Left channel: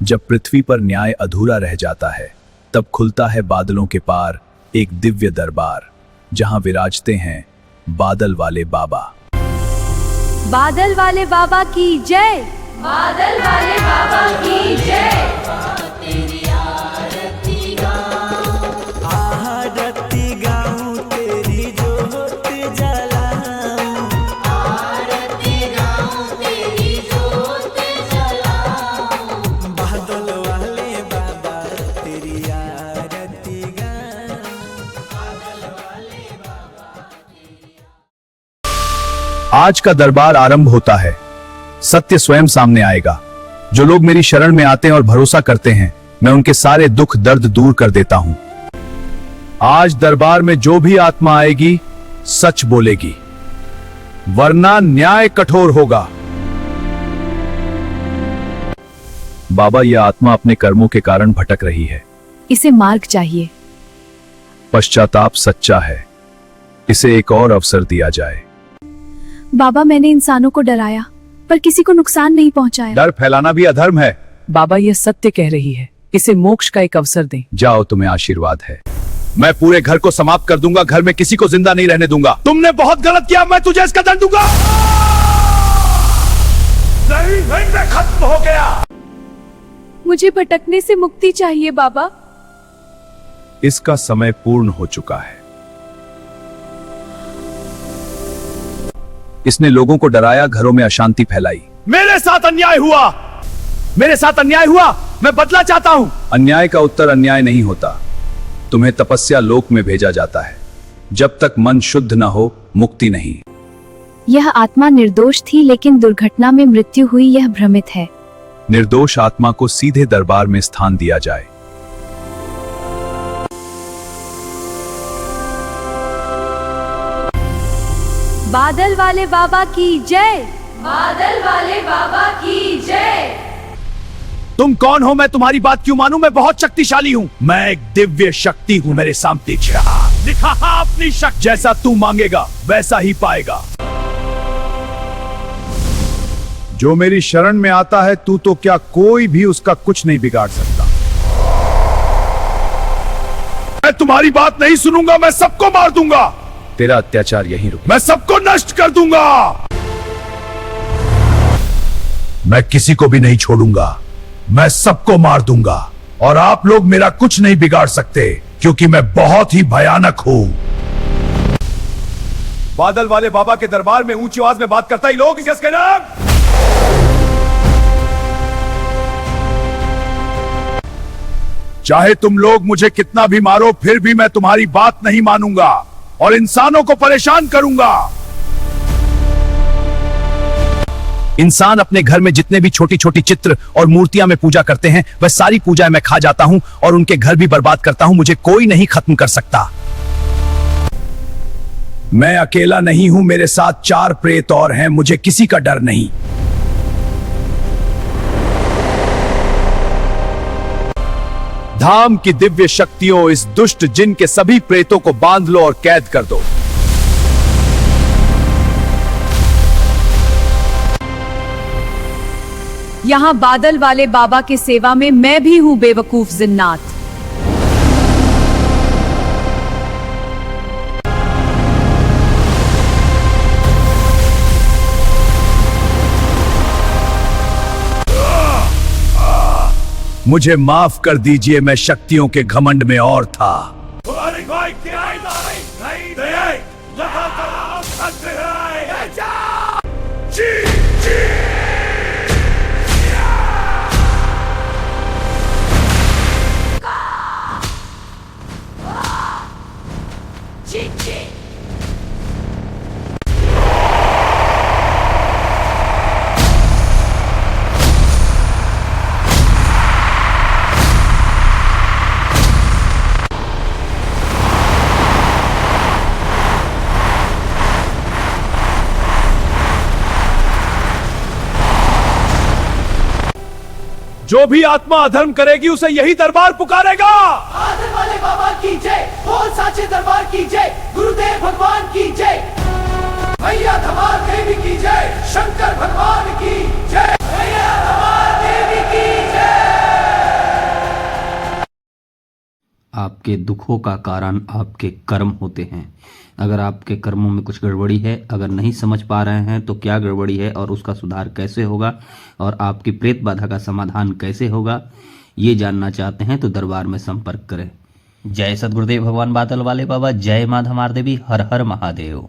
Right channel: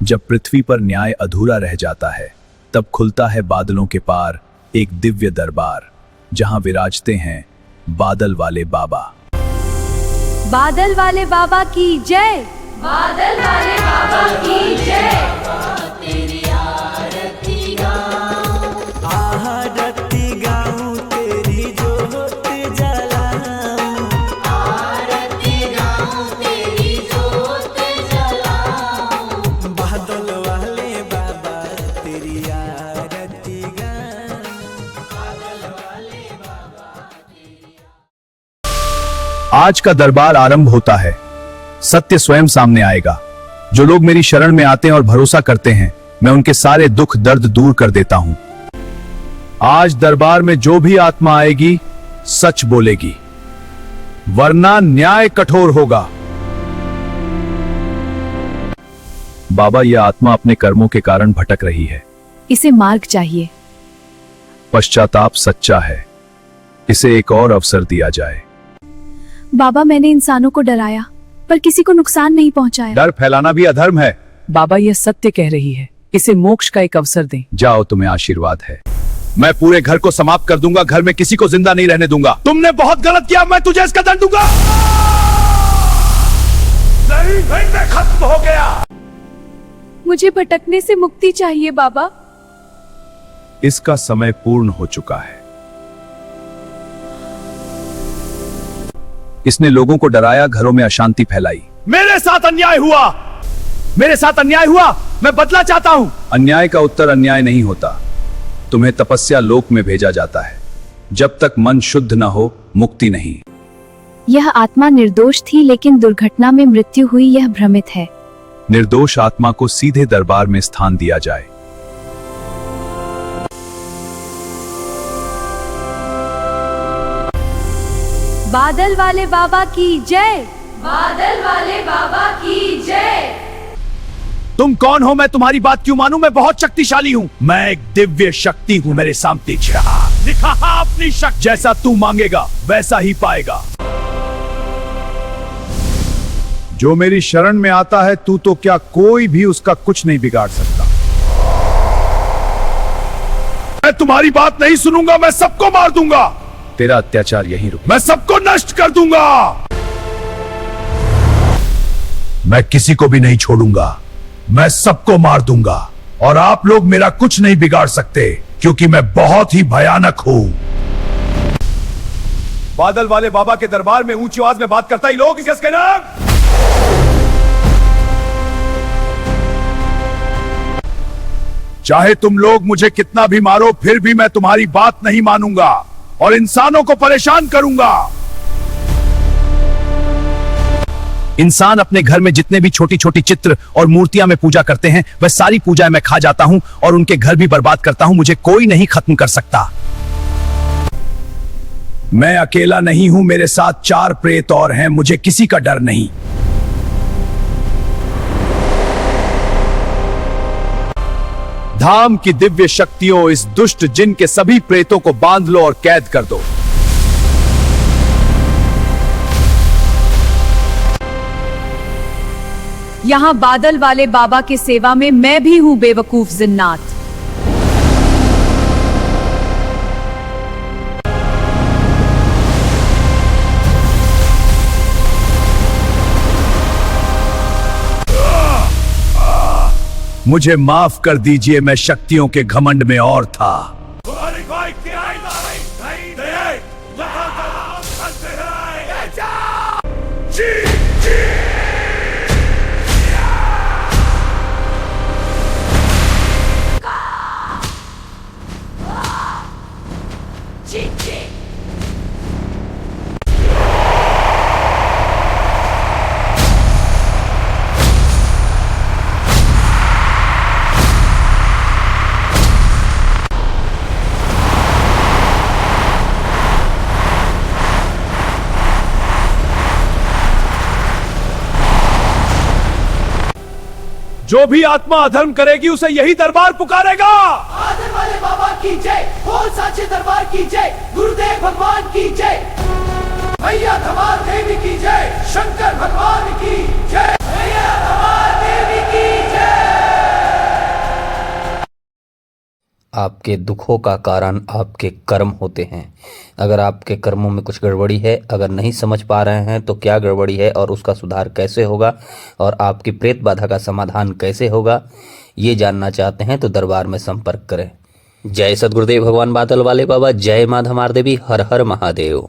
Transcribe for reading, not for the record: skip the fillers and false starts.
जब पृथ्वी पर न्याय अधूरा रह जाता है, तब खुलता है बादलों के पार एक दिव्य दरबार, जहां विराजते हैं बादल वाले बाबा। बादल वाले बाबा की जय। बादल वाले बाबा की जय। तेरी आरती गाऊं, आरती गाऊं, तेरी जोत जलाऊं, आरती गाऊं, तेरी जोत जलाऊं, बादल वाले बाबा तेरी आरती गाऊं, बादल वाले बाबा तेरी। आज का दरबार आरंभ होता है। सत्य स्वयं सामने आएगा। जो लोग मेरी शरण में आते हैं और भरोसा करते हैं, मैं उनके सारे दुख दर्द दूर कर देता हूं। आज दरबार में जो भी आत्मा आएगी, सच बोलेगी, वरना न्याय कठोर होगा। बाबा, यह आत्मा अपने कर्मों के कारण भटक रही है। इसे मार्ग चाहिए। पश्चाताप सच्चा है, इसे एक और अवसर दिया जाए। बाबा, मैंने इंसानों को डराया पर किसी को नुकसान नहीं पहुंचाया। डर फैलाना भी अधर्म है। बाबा, यह सत्य कह रही है, इसे मोक्ष का एक अवसर दें। जाओ, तुम्हें आशीर्वाद है। मैं पूरे घर को समाप्त कर दूंगा, घर में किसी को जिंदा नहीं रहने दूंगा। तुमने बहुत गलत किया, मैं तुझे इसका दंड दूंगा। नहीं, मैं खत्म हो गया। मुझे भटकने से मुक्ति चाहिए बाबा। इसका समय पूर्ण हो चुका है। इसने लोगों को डराया, घरों में अशांति फैलाई। मेरे साथ अन्याय हुआ, मेरे साथ अन्याय हुआ, मैं बदला चाहता हूं। अन्याय का उत्तर अन्याय नहीं होता। तुम्हें तपस्या लोक में भेजा जाता है। जब तक मन शुद्ध न हो, मुक्ति नहीं। यह आत्मा निर्दोष थी, लेकिन दुर्घटना में मृत्यु हुई, यह भ्रमित है। निर्दोष आत्मा को सीधे दरबार में स्थान दिया जाए। बादल वाले बाबा की जय। बादल वाले बाबा की जय। तुम कौन हो? मैं तुम्हारी बात क्यों मानूं? मैं बहुत शक्तिशाली हूं। मैं एक दिव्य शक्ति हूं। मेरे सामने दिखा अपनी शक्ति। जैसा तू मांगेगा वैसा ही पाएगा। जो मेरी शरण में आता है, तू तो क्या, कोई भी उसका कुछ नहीं बिगाड़ सकता। मैं तुम्हारी बात नहीं सुनूंगा, मैं सबको मार दूंगा। तेरा अत्याचार यहीं रुक। मैं सबको नष्ट कर दूंगा। मैं किसी को भी नहीं छोड़ूंगा। मैं सबको मार दूंगा और आप लोग मेरा कुछ नहीं बिगाड़ सकते, क्योंकि मैं बहुत ही भयानक हूं। बादल वाले बाबा के दरबार में ऊंची आवाज में बात करता ही लोग किसके नाम। चाहे तुम लोग मुझे कितना भी मारो, फिर भी मैं तुम्हारी बात नहीं मानूंगा और इंसानों को परेशान करूंगा। इंसान अपने घर में जितने भी छोटी छोटी चित्र और मूर्तियां में पूजा करते हैं, वह सारी पूजाएं मैं खा जाता हूं और उनके घर भी बर्बाद करता हूं। मुझे कोई नहीं खत्म कर सकता। मैं अकेला नहीं हूं, मेरे साथ 4 प्रेत और हैं। मुझे किसी का डर नहीं। धाम की दिव्य शक्तियों, इस दुष्ट जिन के सभी प्रेतों को बांध लो और कैद कर दो। यहाँ बादल वाले बाबा के सेवा में मैं भी हूँ बेवकूफ जिन्नात। मुझे माफ कर दीजिए, मैं शक्तियों के घमंड में और था। जो भी आत्मा अधर्म करेगी, उसे यही दरबार पुकारेगा। बादल वाले बाबा की जय, बोल साचे दरबार की जय, गुरुदेव भगवान की जय, मैया धमाल देवी की जय, शंकर भगवान की जय, मैया धमाल देवी की जय। आपके दुखों का कारण आपके कर्म होते हैं। अगर आपके कर्मों में कुछ गड़बड़ी है, अगर नहीं समझ पा रहे हैं तो क्या गड़बड़ी है और उसका सुधार कैसे होगा और आपकी प्रेत बाधा का समाधान कैसे होगा, ये जानना चाहते हैं तो दरबार में संपर्क करें। जय सद्गुरुदेव भगवान बादल वाले बाबा, जय माँ धमार देवी, हर हर महादेव।